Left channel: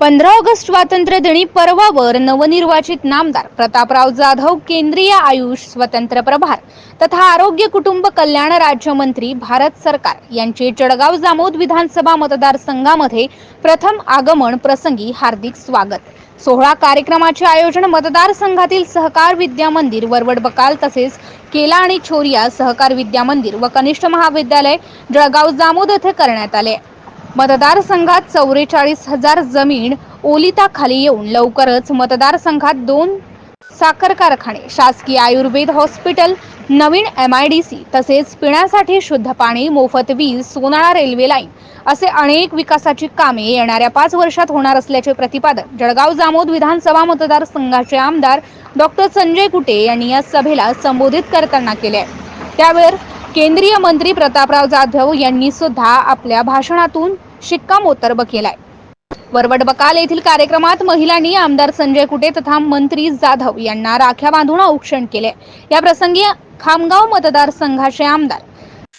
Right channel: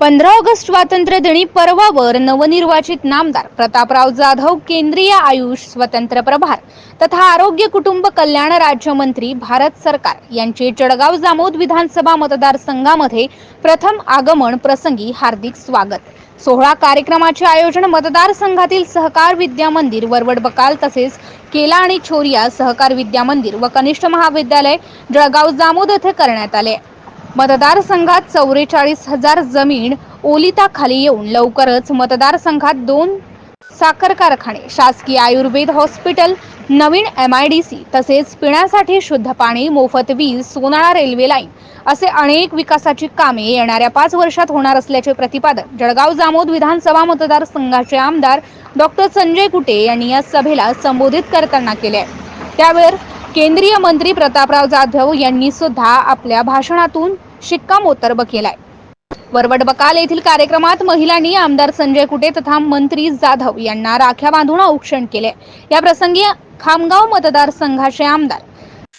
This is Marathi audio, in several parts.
पंधरा ऑगस्ट स्वातंत्र्य दिनी पर्वावर नवनिर्वाचित नामदार प्रतापराव जाधव केंद्रीय आयुष स्वतंत्र प्रभार तथा आरोग्य कुटुंब कल्याण राज्यमंत्री भारत सरकार यांचे जळगाव जामोद विधानसभा मतदारसंघामध्ये प्रथम आगमन प्रसंगी हार्दिक स्वागत. सोहळा कार्यक्रमाचे आयोजन मतदारसंघातील सहकार विद्या मंदिर वरवड बकाल तसेच केला आणि छोरिया सहकार विद्या मंदिर व कनिष्ठ महाविद्यालय जळगाव जामोद येथे करण्यात आले. मतदारसंघात चौवेचाळीस हजार जमीन ओलिताखाली येऊन लवकरच मतदारसंघात दोन साखर कारखाने शासकीय आयुर्वेद हॉस्पिटल नवीन एम आय डी सी तसेच पिण्यासाठी शुद्ध पाणी मोफत वीज सोनाळा रेल्वे लाईन असे अनेक विकासाची कामे येणाऱ्या पाच वर्षात होणार असल्याचे प्रतिपादन जळगाव जामोद विधानसभा मतदारसंघाचे आमदार डॉक्टर संजय कुटे यांनी या सभेला संबोधित करताना केले त्यावर केंद्रीय मंत्री प्रतापराव जाधव यांनी सुद्धा आपल्या भाषणातून शिक्कामोर्तब केलाय. वरवड बकाल येथील कार्यक्रमात महिलांनी आमदार संजय कुटे तथा मंत्री जाधव यांना राख्या बांधून औक्षण केले या प्रसंगी खामगाव मतदारसंघाचे आमदार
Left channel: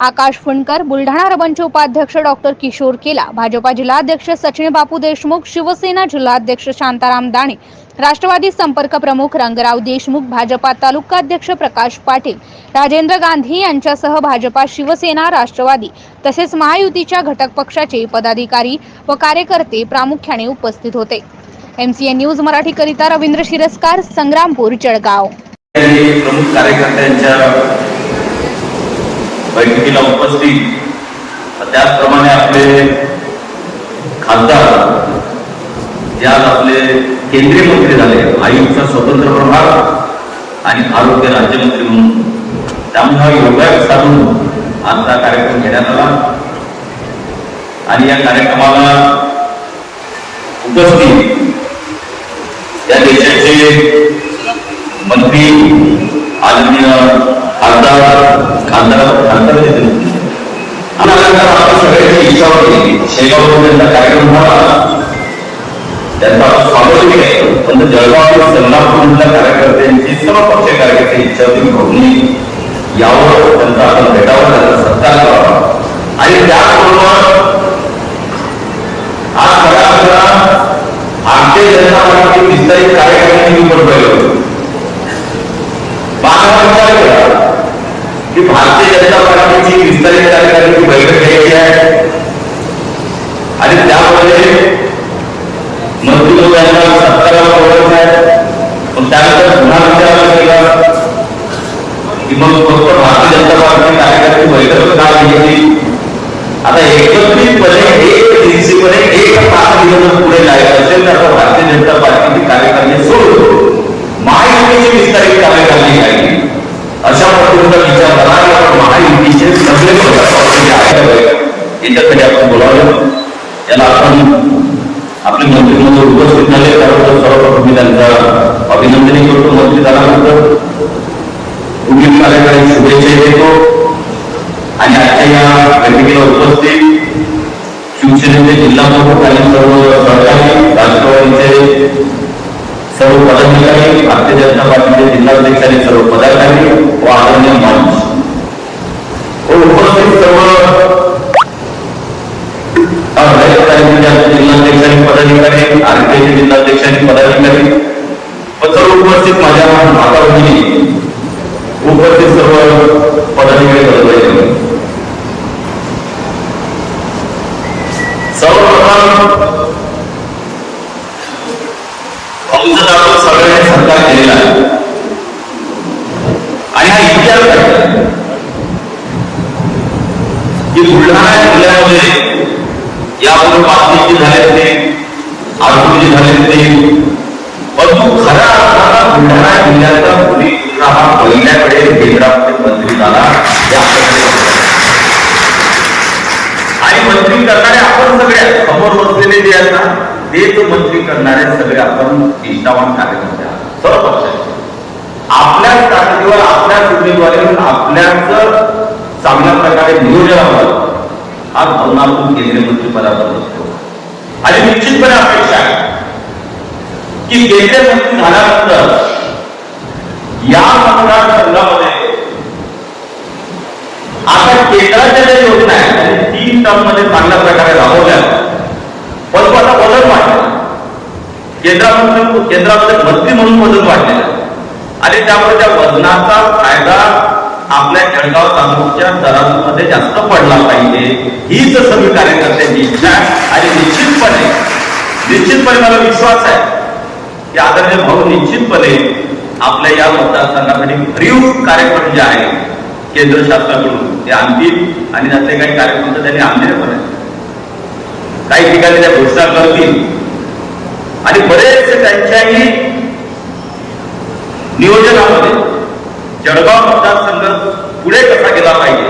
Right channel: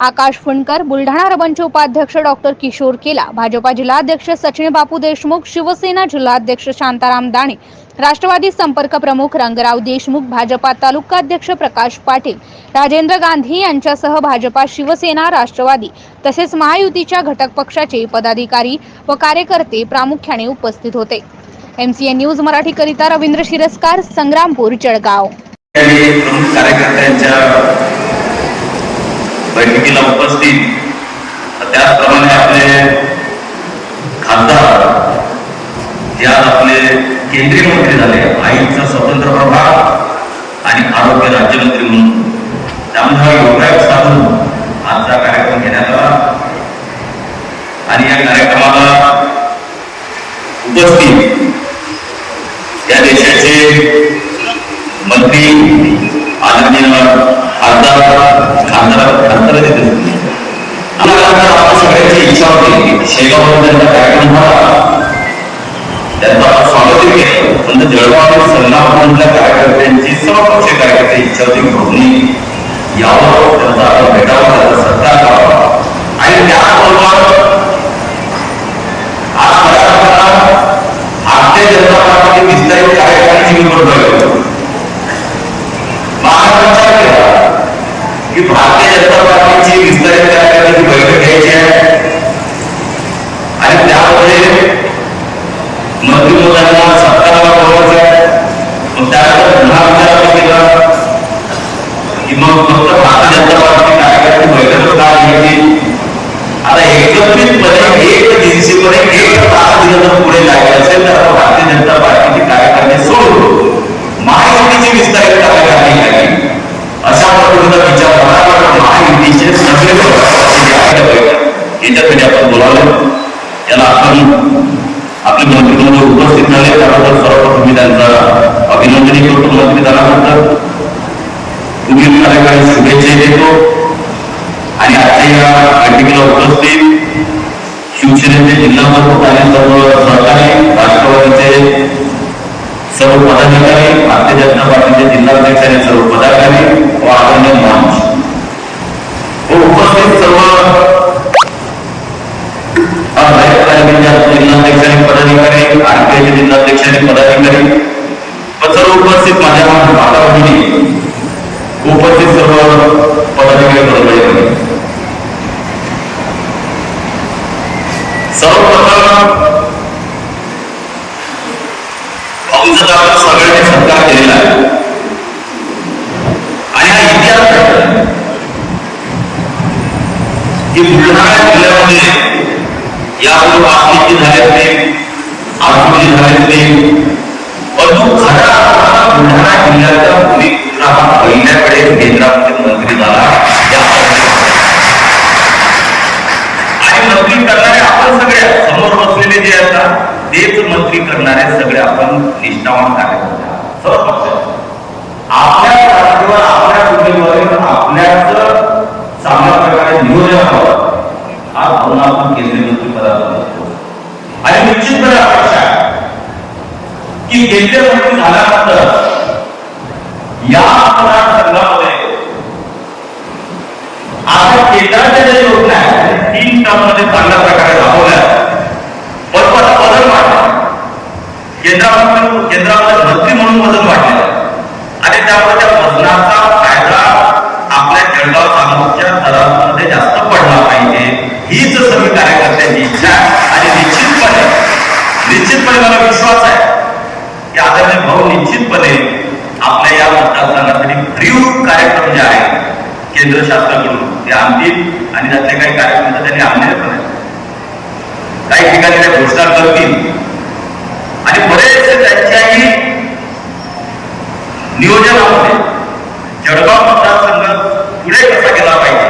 आकाश फुंडकर बुलढाणा रबनचे उपाध्यक्ष डॉक्टर किशोर केला भाजपा जिल्हाध्यक्ष सचिन बापू देशमुख शिवसेना जिल्हाध्यक्ष शांताराम दाणे राष्ट्रवादी संपर्क प्रमुख रंगराव देशमुख भाजपा तालुकाध्यक्ष प्रकाश पाटील राजेंद्र गांधी यांच्यासह भाजपा शिवसेना राष्ट्रवादी तसेच महायुतीच्या घटक पक्षाचे पदाधिकारी व कार्यकर्ते प्रामुख्याने उपस्थित होते. एमसीएन न्यूज मराठीकरिता रवींद्र शिरस्कार संग्रामपूर जळगाव. प्रमुख कार्यकर्त्यांच्या बैठकीला उपस्थित त्याचप्रमाणे आपले खासदार जे आज आपले केंद्रीय मंत्री झाले. आयुषचा स्वतंत्र प्रभाग आणि आरोग्य राज्यमंत्री म्हणून. त्यामुळे हा योगायोग साधून आजचा कार्यक्रम घेण्यात आला. आणि या कार्यक्रमाला उपस्थित या देशाचे मंत्री आदरणीय खासदार खासदार खासदार येते आम्हाला आता सगळ्यांची इच्छा होती की शेगाव त्यांचा कार्यक्रम व्हावा त्यांचं आपण स्वागत केलं पण जळगाव आणि संग्रामपूरमधल्या कार्यकर्त्यांची सर्व पक्ष कार्यकर्ते इच्छा होती की भरणी यावर त्यांचा आपण भेटावा त्याचा सत्कार करावा आणि त्याचबरोबर आज सगळ्यांना भारतीय जनता पार्टी विस्तारित कार्यक्रमाची निवडणूक की भारतीय जनता पार्टीची विस्तारित कार्यकारिणीची बैठक घ्यायची आहे आणि त्यामध्ये मंत्रिमंडळाला सत्काराला बोलायचं आहे मग त्यानंतर पुन्हा विचारायला केला की मग फक्त भारतीय जनता पार्टी कार्यकारिणी बैठक का घ्यायची आता एकत्रितपणे एक दिवशीमध्ये एक तास दिलं जर पुढे जायचं असेल तर आता भारतीय जनता पार्टीची कार्यकारिणी सोडून महायुतीची विस्तारित कार्यकारिणी घ्यावी अशा पद्धतीचा विचार करा महायुतीचे सगळे पक्षाचे आपण बोलावलं. त्याला आपण आपले मंत्रिमंडळ उपस्थित झाले त्याबद्दल सर्वप्रथम मी त्यांचं अभिनंदन करतो. मंत्री झाल्यानंतर पुढील कार्यक्रम शुभेच्छा देतो. आणि आजच्या या बैठकीला उपस्थित शिवसेनेचे जिल्हा प्रमुख आणि सर्व सहकारी राष्ट्रवादीचे सर्व पदाधिकारी भारतीय जनता पार्टीचे जिल्हाध्यक्ष आणि सर्व पदाधिकारी व आदरणीय मंच व उपस्थित सर्व जिल्हाध्यक्ष आणि पदाधिकारी आरपीआयचे जिल्हाध्यक्ष आणि पदाधिकारी व सर्व उपस्थित माझ्या माता भगिनी उपस्थित सर्व पदाधिकारी बरोबर सर्वप्रथम भाऊचा आपण सगळ्यांनी केलेला आहे. आणि हा इतिहास की बुलढाणा जिल्ह्यामध्ये यावर बातमी झालेच नाही आरोग्य झालेच नाही अजून खरा बुलढाणा जिल्ह्याचा भूमिपुत्र हा पहिल्याकडे केंद्रामध्ये मंत्री झाला आणि मंत्री करणारे आपण सगळे समोर बसलेले जे असतात तेच मंत्री करणारे सगळे आपण निष्ठावान कार्यकर्ते. आपल्या जागेवर आपल्याच उमेदवारीवर आपल्याच सामर्थ्याकडे आज भावना आपण केंद्रीय मंत्री पदावर आणि निश्चितपणे अपेक्षा आहे की केंद्रीय मंत्री झाल्यानंतर या मतदारसंघामध्ये आता केंद्राच्या ज्या योजना आहेत त्या तीन टर्ममध्ये चांगल्या प्रकारे राबवल्या आहेत. परंतु आता बदल वाटला केंद्रामध्ये भरती म्हणून वजन वाढलेलं आहे आणि त्यामुळे त्या वजनाचा फायदा आपल्या जळगाव तालुक्याच्या तराजूमध्ये जास्त पडला पाहिजे. हीच सगळी कार्यकर्त्यांची इच्छा आणि निश्चितपणे निश्चितपणे मला विश्वास आहे की आदरणीय भाऊ निश्चितपणे आपल्या या मतदारसंघासाठी भरीव कार्यक्रम जे आहेत केंद्र शासनाकडून ते आणतील आणि त्यातले काही कार्यक्रम तर त्यांनी आणलेले पण आहेत. काही ठिकाणी त्या घोषणा करतील. आणि बरेचसे त्यांच्याही नियोजनामध्ये जळगाव मतदारसंघ पुढे कसा गेला पाहिजे?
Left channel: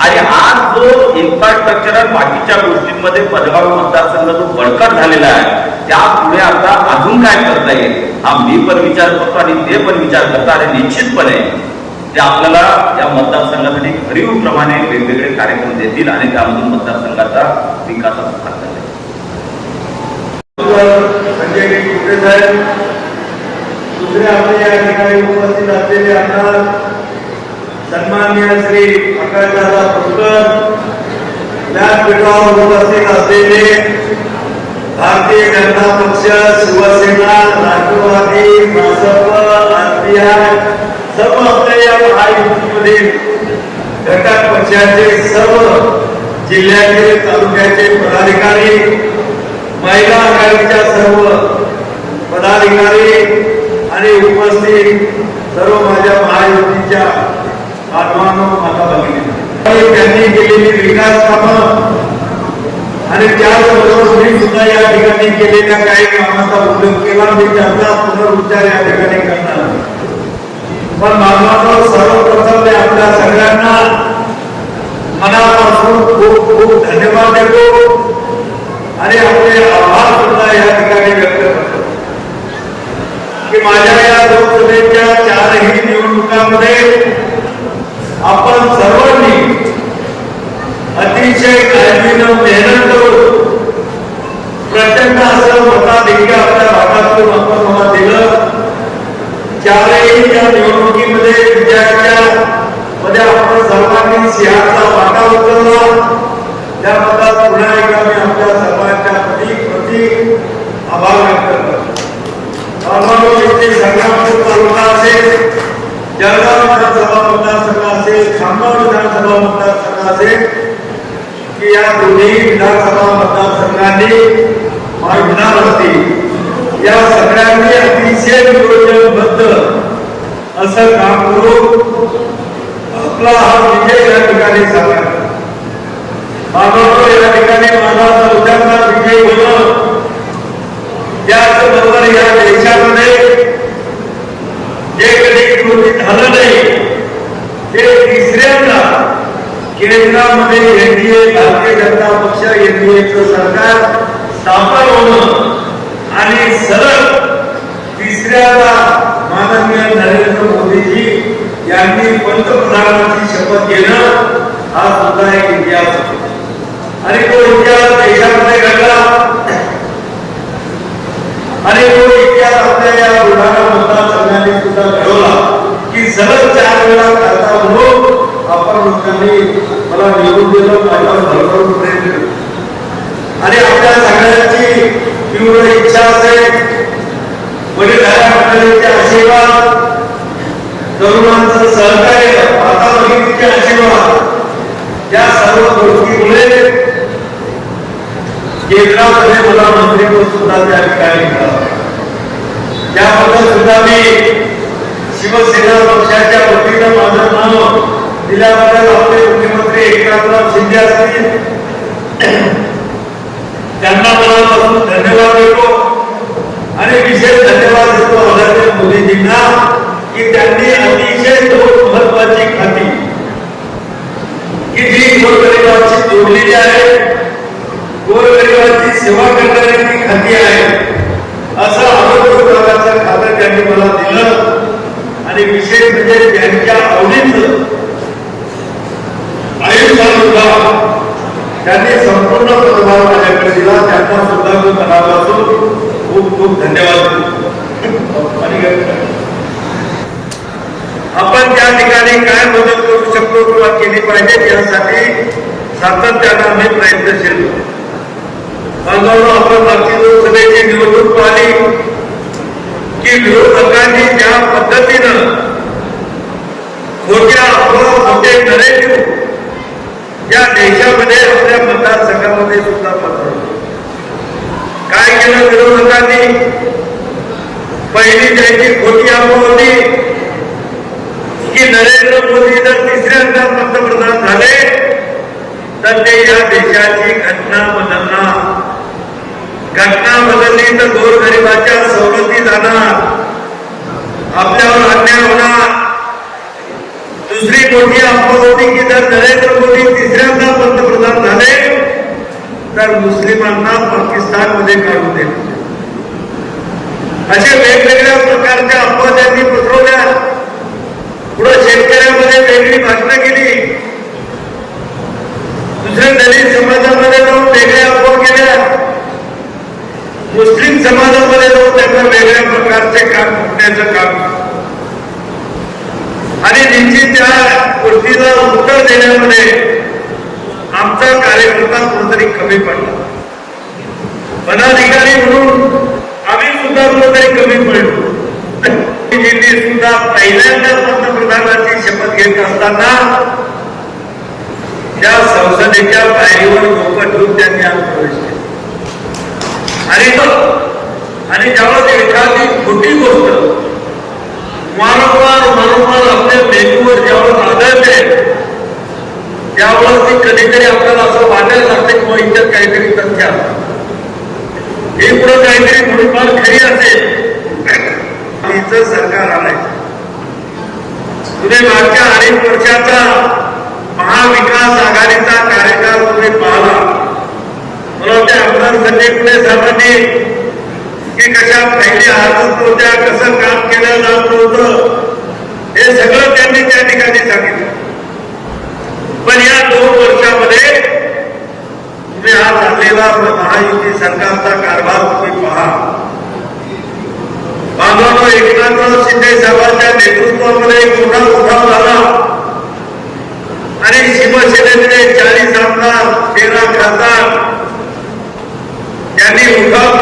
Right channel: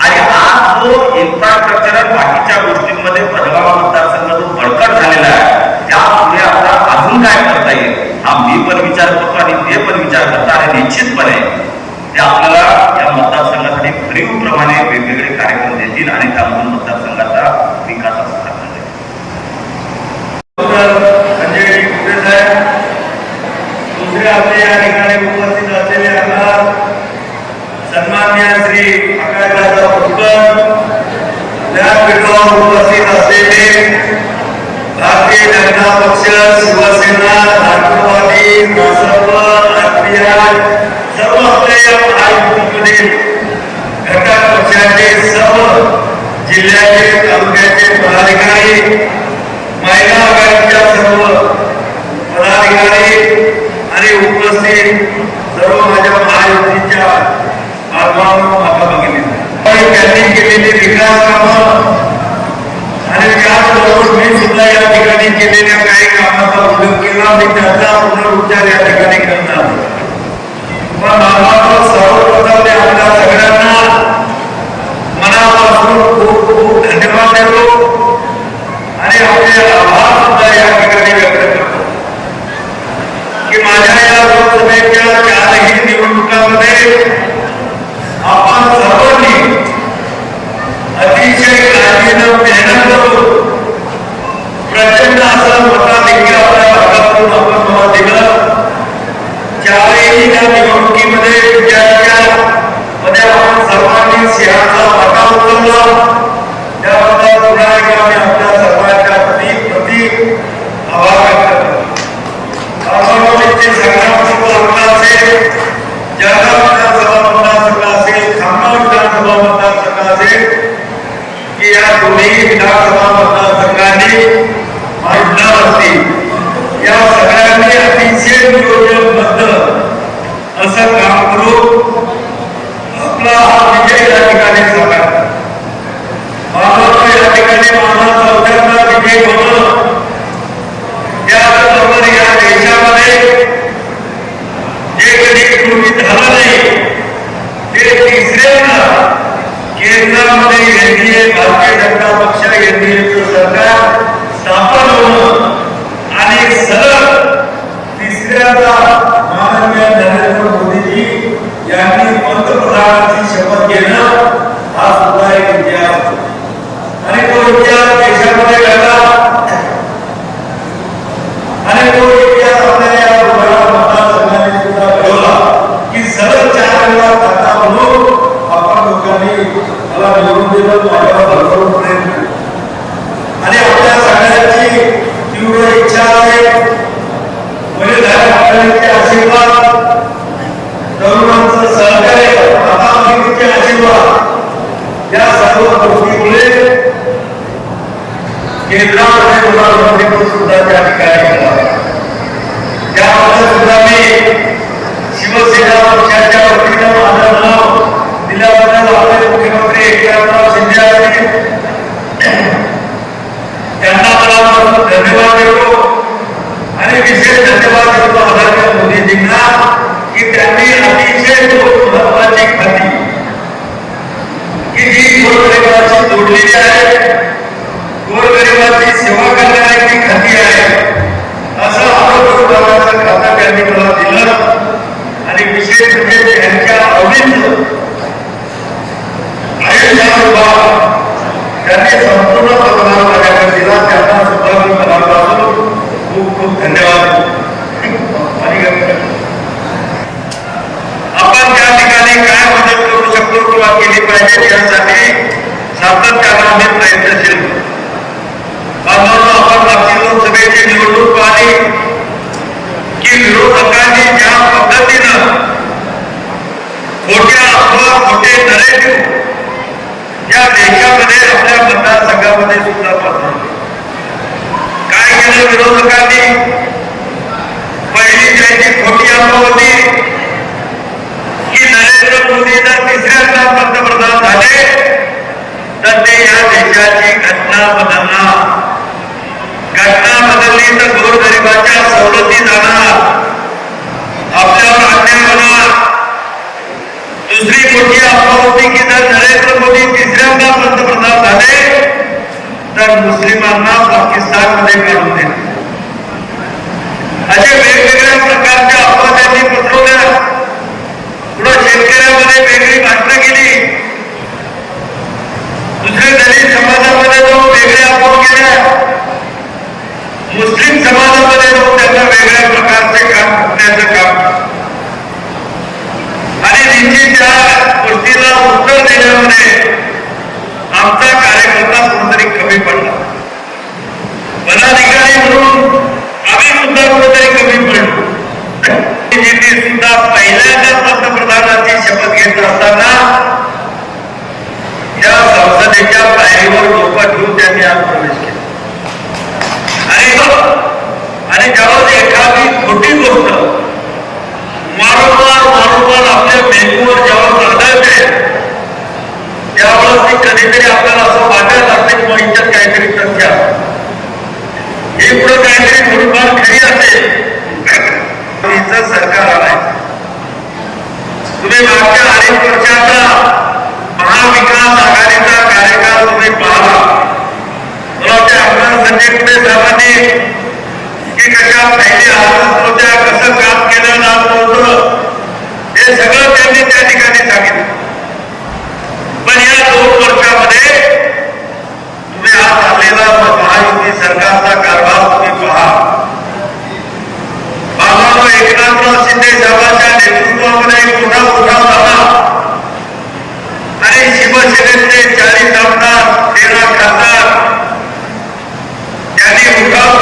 आणि आज जो इन्फ्रास्ट्रक्चर बाकीच्या गोष्टींमध्ये पदगाव मतदारसंघ जो बळकट झालेला आहे त्यापुढे आता अजून काय करता येईल? हा मी पण विचार करतो आणि ते पण विचार करतात आणि निश्चितपणे ते आपल्याला या मतदारसंघासाठी भरीव प्रमाणे वेगवेगळे कार्यक्रम देतील आणि त्यामधून मतदारसंघाचा विकास करता येईल संजय कुटे साहेब दुसरे आपले या ठिकाणी उपस्थित असलेले आमदार सन्मान्य श्री आकाशदादा पुष्कर व्यासपीठावर उपस्थित असलेले भारतीय जनता पक्ष शिवसेना राष्ट्रवादी भाजप राष्ट्रीय सर्व आपल्या या महायुतीमध्ये घटक पक्षाचे सर्व जिल्ह्याचे तालुक्याचे पदाधिकारी महिला आघाडीच्या सर्व पदाधिकारी आणि उपस्थित सर्व माझ्या महायुतीच्या बांधवांनो माता भगिनी आणि त्यांनी केलेली विकास कामं आणि त्याचबरोबर मी सुद्धा या ठिकाणी केलेल्या काही कामाचा उल्लेख केला मी त्याचा पुनरुच्चार या ठिकाणी करणार पण बाबांनो सर्वप्रथम मी आपल्या सगळ्यांना मनापासून खूप खूप धन्यवाद देतो आणि आपले आभार सुद्धा या ठिकाणी व्यक्त करतो की माझ्या या लोकसभेच्या चारही निवडणुकामध्ये आपण सर्वांनी अतिशय काळजीनं मेहनत करून प्रचंड असं मताधिक्य आपल्या भागातून आपण मला दिलं ज्यावेळी त्या निवडणुकीमध्ये विजयाच्या मध्ये आपण सर्वांनी सिंहाचा वाटा उचलला त्याबद्दल पुन्हा एकदा मी आपल्या सर्वांच्या प्रति प्रति आभार व्यक्त करतो बाबांनो इथे संग्रामपूर तालुका असेल जळगाव विधानसभा मतदारसंघ असेल खामगाव विधानसभा मतदारसंघ असेल की या दोन्ही विधानसभा मतदारसंघांनी मांडणार असतील या सगळ्यांनी अतिशय नियोजनबद्ध असं काम करून आपला हा विजय या ठिकाणी साकार मानवाचा या ठिकाणी मानवाचा चौथ्यांदा विजय होणं त्याचबरोबर या देशामध्ये जे कधी पूर्वी झालं नाही ते तिसऱ्यांदा केंद्रामध्ये एनडीए भारतीय जनता पक्ष एनडीएचं सरकार स्थापन होणं आणि सलग तिसऱ्यांदा माननीय नरेंद्र मोदीजी यांनी पंतप्रधानांची शपथ घेणं हा सुद्धा एक इतिहास आहे. आणि तो इतिहास देशामध्ये घडला आणि तो इतिहास आपल्या या बुलढाणा मतदारसंघाने सुद्धा घडवला की सलग चार वेळा खाता म्हणून आपण लोकांनी मला निवडून दिलं माझ्यावर भरभरून प्रेम केलं. आणि आपल्या सगळ्यांची तीव्र इच्छा आहे वडीलधाऱ्यांचे आशीर्वाद तरुणांचं सहकार्य माताभगिनीचे आशीर्वाद या सर्व गोष्टीमुळे केंद्रामध्ये तुला मंत्रिपद सुद्धा त्या ठिकाणी मिळालं. त्याबद्दल सुद्धा मी शिवसेना पक्षाच्या वतीनं माझं नाव दिल्याबद्दल आपले मुख्यमंत्री एकनाथराव शिंदे असतील त्यांना मला धन्यवाद देतो आणि विशेष धन्यवाद देतो आदरणीय मोदीजींना की त्यांनी अतिशय दोन महत्वाची खाती की जी गोरगरिबांशी जोडलेली आहे. गोरगरिबांची सेवा करण्याची खाती आहे. असं आरोग्य विभागाचं खातं त्यांनी मला दिलं. आणि विशेष म्हणजे त्यांच्या आवडीचं. आयुष्याचा भाव त्यांनी संपूर्ण पदभार माझ्याकडे दिला. त्यांना सुद्धा मी मनापासून खूप खूप धन्यवाद. आपण त्या ठिकाणी काय मदत करू शकतो किंवा केली पाहिजे यासाठी सातत्यानं आम्ही प्रयत्नशील बांधवांना आपण बाकी लोकसभेची निवडणूक पाहिली. की विरोधकांनी ज्या पद्धतीनं खोट्या अथवा खोटे नरेटिव्ह या देशामध्ये आपल्या मतदारसंघामध्ये सुद्धा पसरवले काय केलं विरोधकांनी? पहिली त्यांची खोटी अफवा होती की नरेंद्र मोदी जर तिसऱ्यांदा पंतप्रधान झाले. तर ते या देशाची घटना बदलणार घटना बदलली तर गोरगरिबाच्या सवलती जाणार आपल्यावर अन्याय होणार दुसरी मोठी अफवा होती की जर नरेंद्र मोदी तिसऱ्यांदा पंतप्रधान झाले तर मुस्लिमांना पाकिस्तानमध्ये काढून देणार. अशा वेगवेगळ्या प्रकारच्या अफवा त्यांनी पसरवल्या पुढे शेतकऱ्यामध्ये वेगळी भाषणं केली दुसऱ्या दलित समाजामध्ये जाऊन वेगळ्या अफवा केल्या मुस्लिम समाजामध्ये जाऊन त्यांना वेगळ्या प्रकारचे काम करण्याचं काम. आणि निश्चित त्या गोष्टीला उत्तर देण्यामध्ये आमचा कार्यकर्ता कुठेतरी कमी पडला. पदाधिकारी म्हणून आम्ही सुद्धा कुठेतरी कमी पडलो. बीजेपी सुद्धा पहिल्यांदा पंतप्रधानांची शपथ घेत असताना या संसदेच्या पायरीवर लोक घेऊन त्यांनी आज प्रवेश केला आणि आणि ज्यावेळेस एखादी खोटी गोष्ट वारंवार वारंवार आपल्या मेंदूवर ज्यावेळेस आढळते त्यावेळेस ती कधीतरी आपल्याला असं वाटायला लागते किंवा इतर काहीतरी तथ्य आहे. हे पुढे काहीतरी थोडीफार खरी असेल इथं सरकार आलंय तुम्ही मागच्या अडीच वर्षाचा महाविकास आघाडीचा कार्यकाळ तुम्ही पाहला मला वाटते आमदार संजय पुणे साहेबांनी की कशा पहिल्या होत्या कसं काम केलं होतं हे सगळं त्यांनी त्या ठिकाणी सांगितलं. पण या दोन वर्षामध्ये तुम्ही महायुती सरकारचा कारभार तुम्ही पहा. बाबाराव एकनाथराव शिंदे साहेबांच्या नेतृत्वामध्ये उठाव झाला आणि शिवसेनेचे चाळीस आमदार तेरा खासदार. त्यांनी उठाव